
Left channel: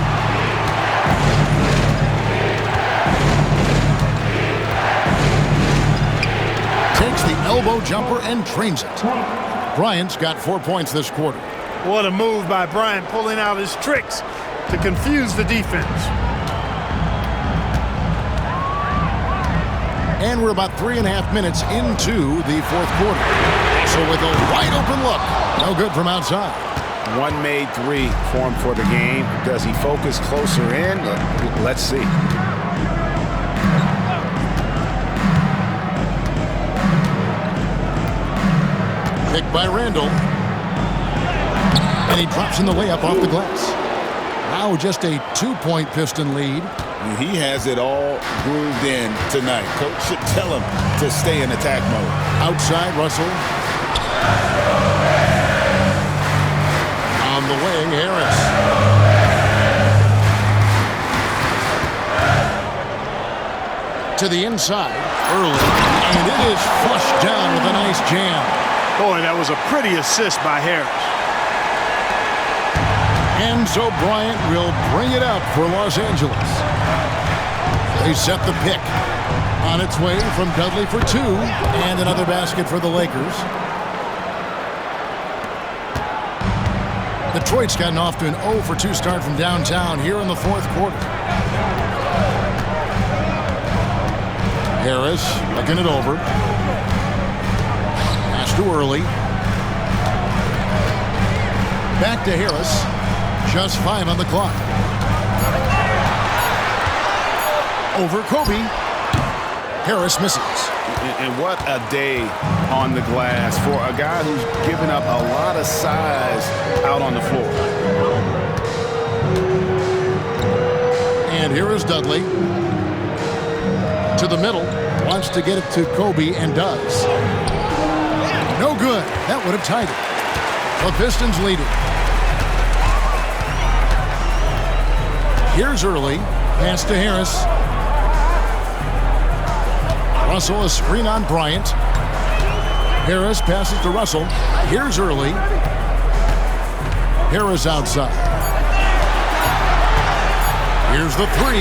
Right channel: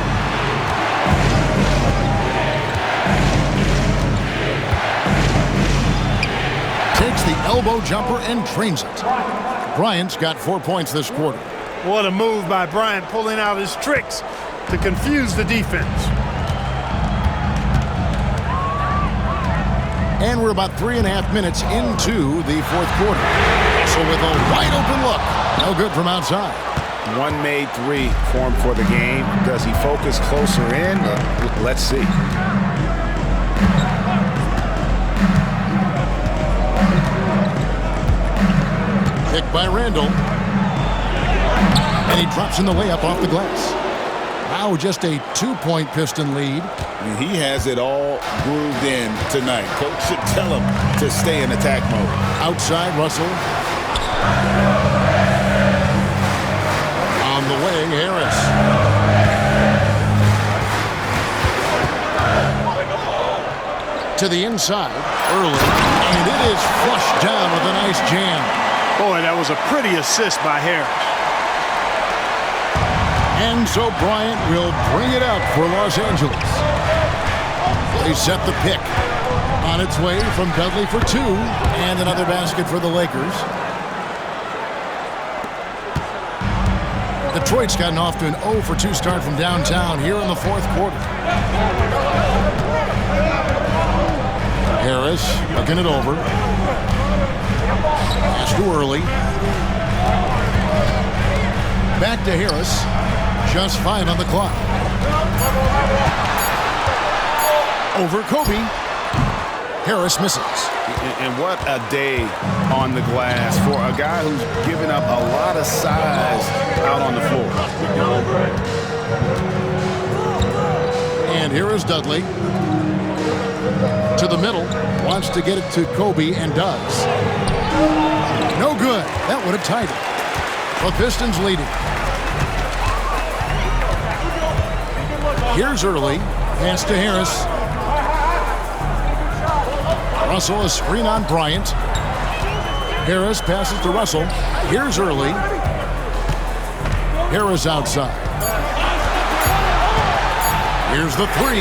Takes the elbow jumper and drains it. Bryant's got 4 points this quarter. What a move by Bryant, pulling out his tricks to confuse the defense. And we're about 3.5 minutes into the fourth quarter. Russell with a wide open look. No good from outside. One made three for him for the game. Does he focus closer in? Let's see. Picked by Randall. And he drops in the layup off the glass. Now just a 2-point Piston lead. He has it all grooved in tonight. Coach should tell him to stay in attack mode. Outside, Russell. On the wing, Harris. To the inside, Early. And it is flushed down with a nice jam. Boy, that was a pretty assist by Harris. And so Bryant will bring it up for Los Angeles. They set the pick. On its way from Dudley for 2. And another basket for the Lakers. Detroit's gotten off to an 0 for 2 start from downtown here in the fourth quarter. Harris looking it over. Pass too early. Back to Harris. Just 5 on the clock. Over Kobe. Harris misses. And what a day on the glass for a guy who's given up a lot of size out on the floor. And here is Dudley. To the middle. Wants to get it to Kobe and does. No good. That would have tied it. The Pistons leading. Here's Early. Pass to Harris. Russell, a screen on Bryant. Harris passes to Russell. Here's Early. Harris outside. Here's the 3.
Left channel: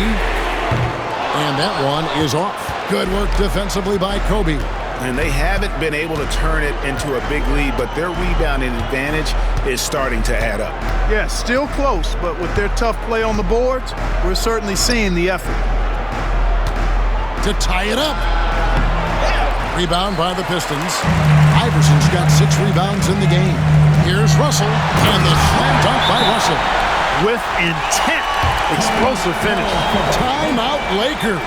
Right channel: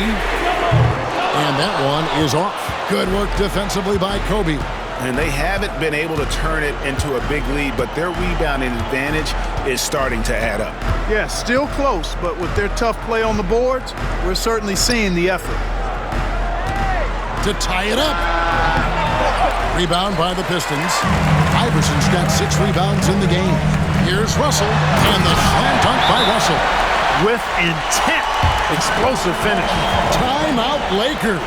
And that one is off. Good work defensively by Kobe. And they haven't been able to turn it into a big lead, but their rebounding advantage is starting to add up. Yeah, still close, but with their tough play on the boards, we're certainly seeing the effort. To tie it up. Rebound by the Pistons. Iverson's got 6 rebounds in the game. Here's Russell, and the slam dunk by Russell. With intent. Explosive finish. Timeout Lakers.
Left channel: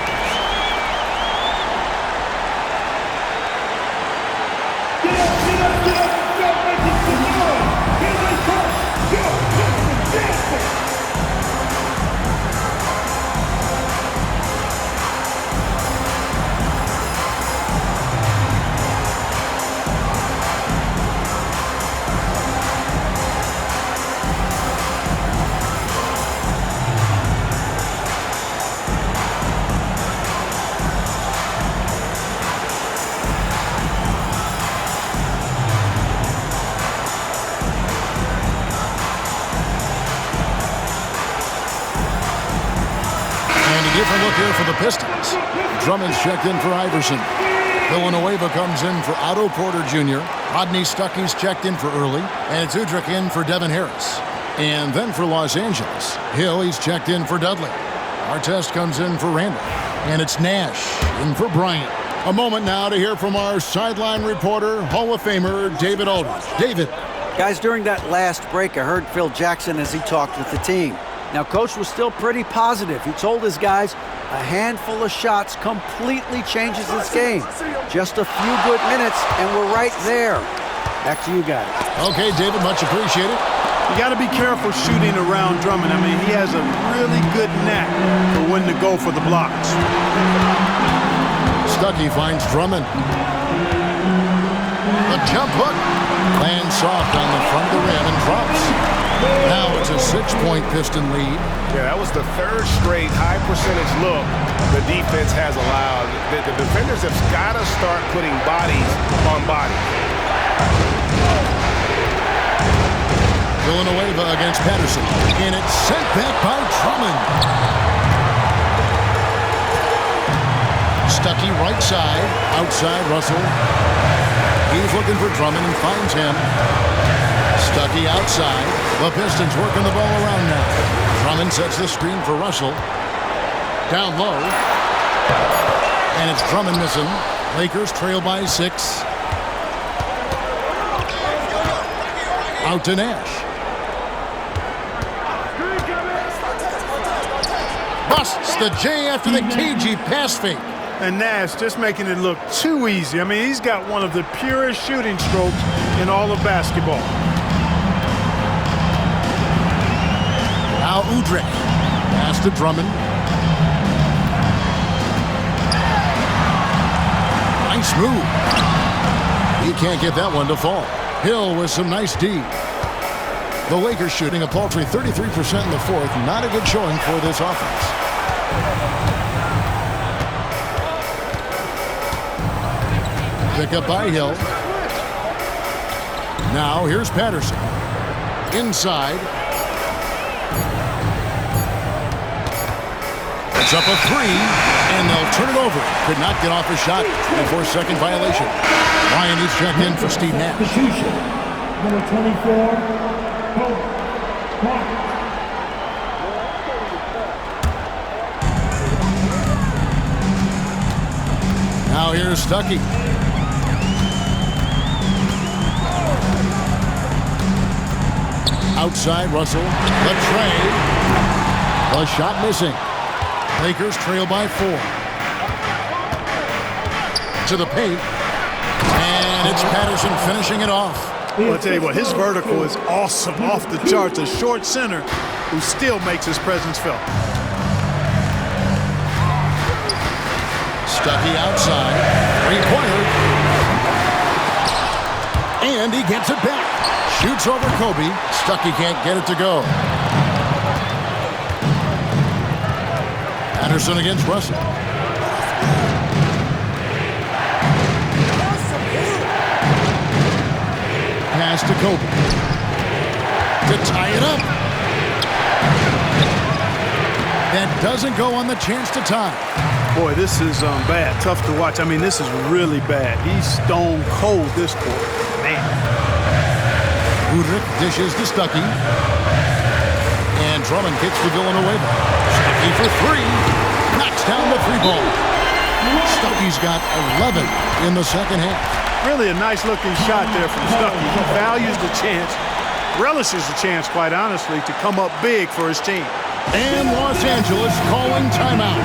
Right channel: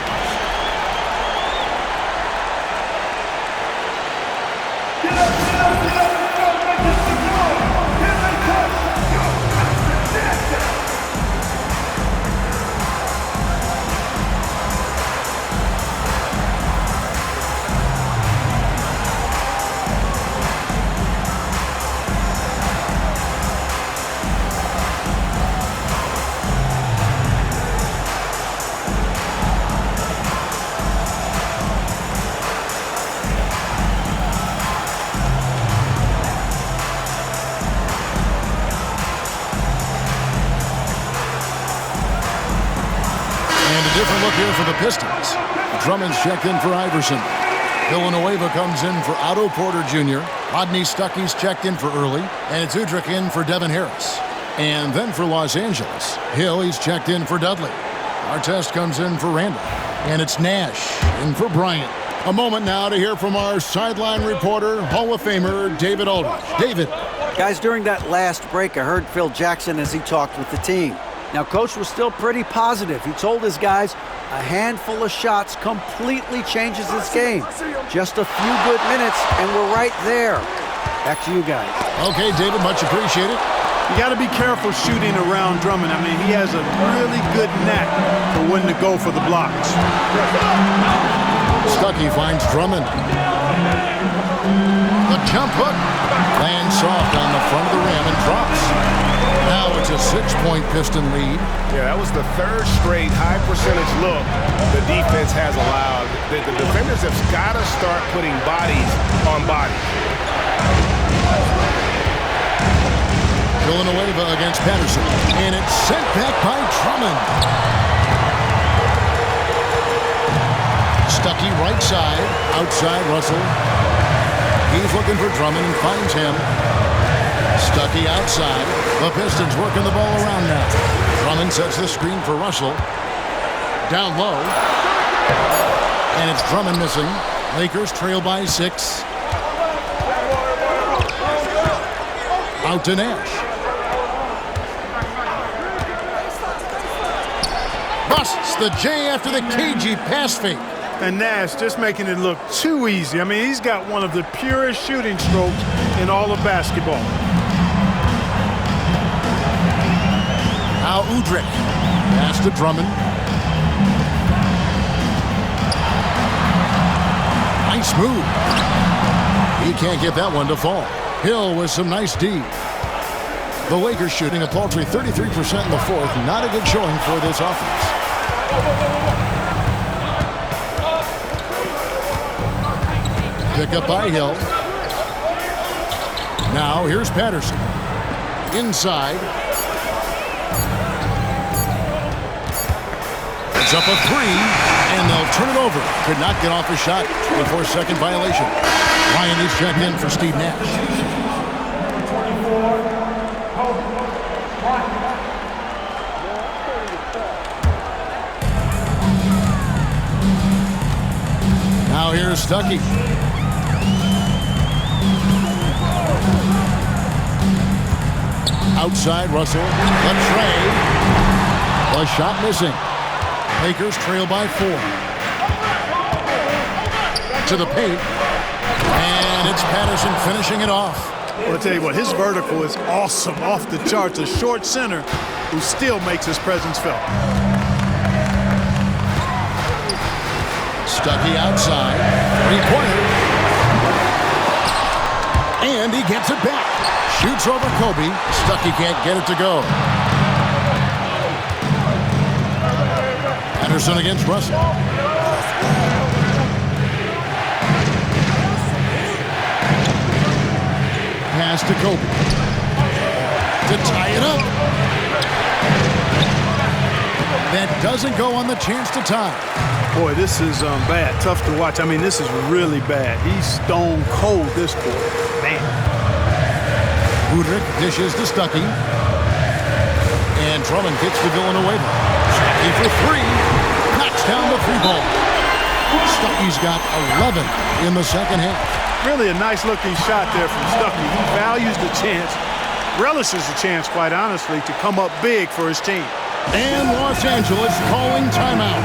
different look here for the Pistons. Drummond's checked in for Iverson. Villanueva comes in for Otto Porter Jr. Rodney Stuckey's checked in for Early. And it's Udrih in for Devin Harris. And then for Los Angeles, Hill, he's checked in for Dudley. Artest comes in for Randall. And it's Nash in for Bryant. A moment now to hear from our sideline reporter, Hall of Famer David Aldridge. David. Guys, during that last break, I heard Phil Jackson as he talked with the team. Now, Coach was still pretty positive. He told his guys a handful of shots completely changes this game. Just a few good minutes, and we're right there. Back to you guys. Okay, David, much appreciated. You got to be careful shooting around Drummond. I mean, he has a really good knack for when to go for the blocks. Stuckey finds Drummond. The jump hook lands soft on the front of the rim and drops. Now it's a 6-point Piston lead. Yeah, that was the third straight high percentage look the defense has allowed. The defenders have got to start putting bodies on bodies. Villanueva against Patterson, and it's sent back by Drummond. Stuckey right side, outside Russell. He's looking for Drummond and finds him. Stuckey outside. The Pistons working the ball around now. Drummond sets the screen for Russell. Down low. And it's Drummond missing. Lakers trail by 6. Out to Nash. Busts the J after the cagey pass fake. And Nash just making it look too easy. I mean, he's got one of the purest shooting strokes in all of basketball. Now Udrih. Pass to Drummond. Nice move. He can't get that one to fall. Hill with some nice D. The Lakers shooting a paltry 33% in the fourth. Not a good showing for this offense. Pick up by Hill. Now here's Patterson. Inside. It's up a 3, and they'll turn it over. Could not get off a shot. 24-second violation. Ryan is checked in for Steve Nash. Substitution. Number 24, Bryant. Now here's Stuckey. Outside Russell. The tray. The shot missing. Lakers trail by 4. To the paint. And it's Patterson finishing it off. Well, I'll tell you what, his vertical is awesome, off the charts. A short center who still makes his presence felt. Stuckey outside. 3-pointer. And he gets it back. Shoots over Kobe. Stuckey can't get it to go. Patterson against Russell. Pass to Kobe. To tie it up. That doesn't go on the chance to tie. Boy, this is bad. Tough to watch. I mean, this is really bad. He's stone cold this quarter. Man. Udrih dishes to Stuckey. And Drummond kicks to Villanueva. Stuckey for 3. Knocks down the 3 ball. Stuckey's got 11 in the second half. Really a nice-looking shot there from Stuckey. He values the chance, relishes the chance, quite honestly, to come up big for his team. And Los Angeles calling timeout.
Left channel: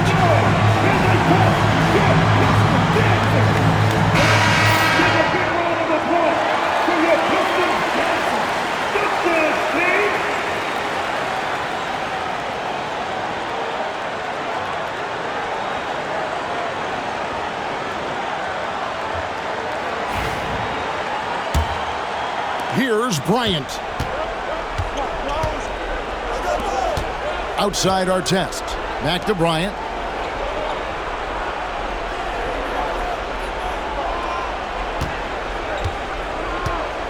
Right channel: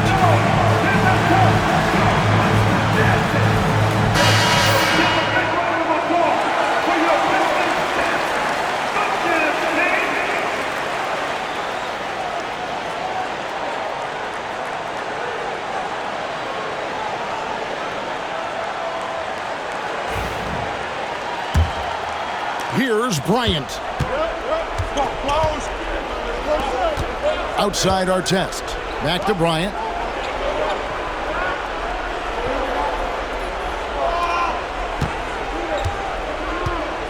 Here's Bryant. Outside Artest. Back to Bryant.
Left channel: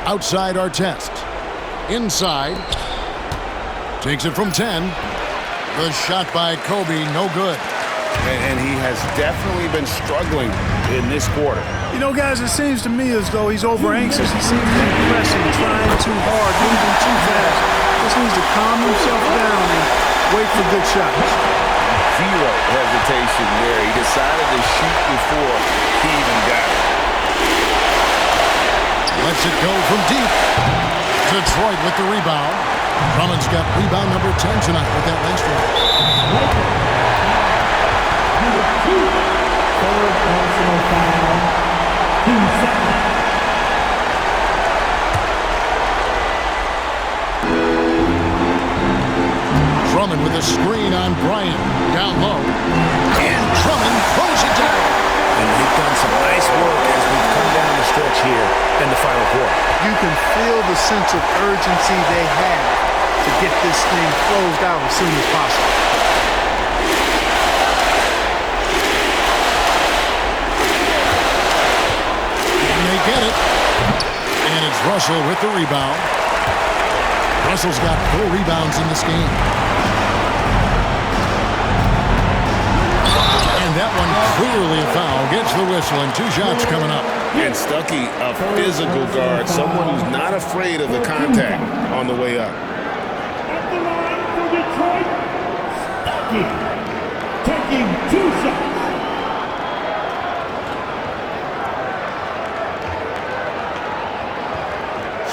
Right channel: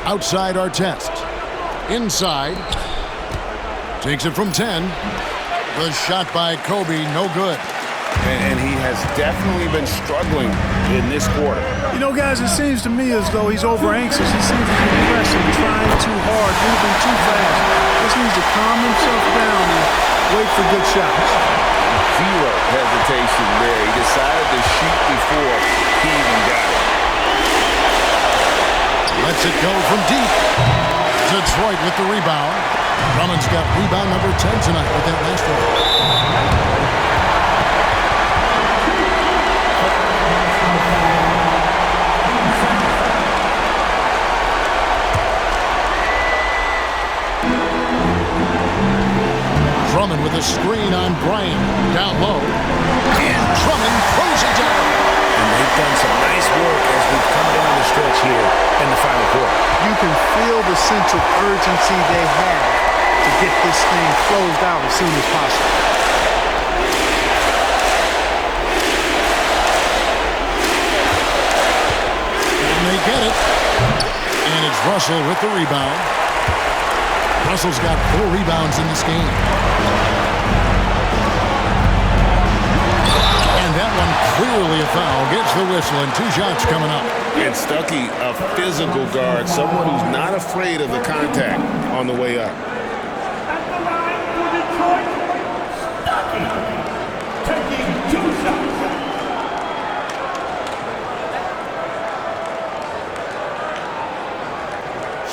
Outside Artest. Inside. Takes it from 10. The shot by Kobe, no good. and he has definitely been struggling in this quarter. You know, guys, it seems to me as though he's over-anxious. He seems to be pressing, trying too hard, moving too fast. Just needs to calm himself down and wait for good shots. Zero hesitation there. He decided to shoot before he even got it. Lets it go from deep. Detroit with the rebound. Drummond's got rebound number 10 tonight with that last one. Drummond with a screen on Bryant. Down low. And Drummond throws it down. And they've done some nice work as we've come down the stretch here in the final quarter. You can feel the sense of urgency they have to get this thing closed out as soon as possible. And they get it. And it's Russell with the rebound. Russell's got 4 rebounds in this game. And that one clearly a foul. Gets the whistle and 2 shots coming up. And Stuckey, a physical guard, someone who's not afraid of the contact on the way up. At the line for Detroit, Stuckey taking 2 shots.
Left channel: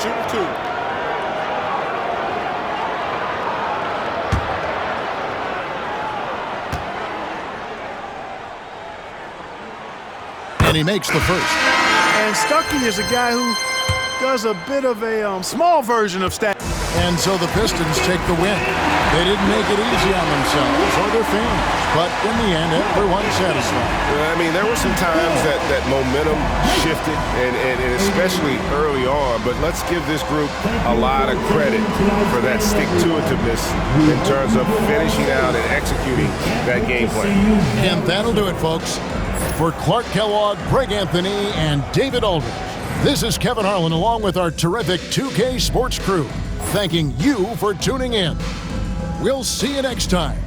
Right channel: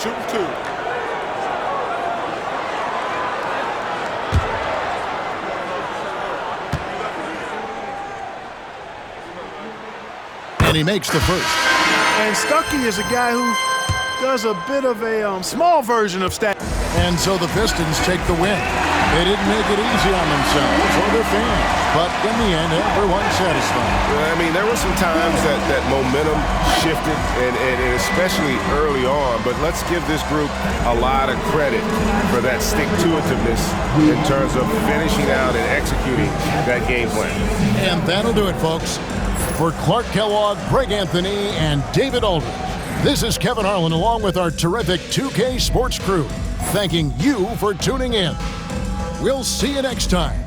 Shoot 2. And he makes the first. And Stuckey is a guy who does a bit of a small version of stat. And so the Pistons take the win. They didn't make it easy on themselves or their fans, but in the end, everyone's satisfied. Well, I mean, there were some times that momentum shifted, and especially early on, but let's give this group a lot of credit for that stick-to-itiveness in terms of finishing out and executing that game plan. And that'll do it, folks. For Clark Kellogg, Greg Anthony, and David Aldridge, this is Kevin Harlan along with our terrific 2K Sports crew, thanking you for tuning in. We'll see you next time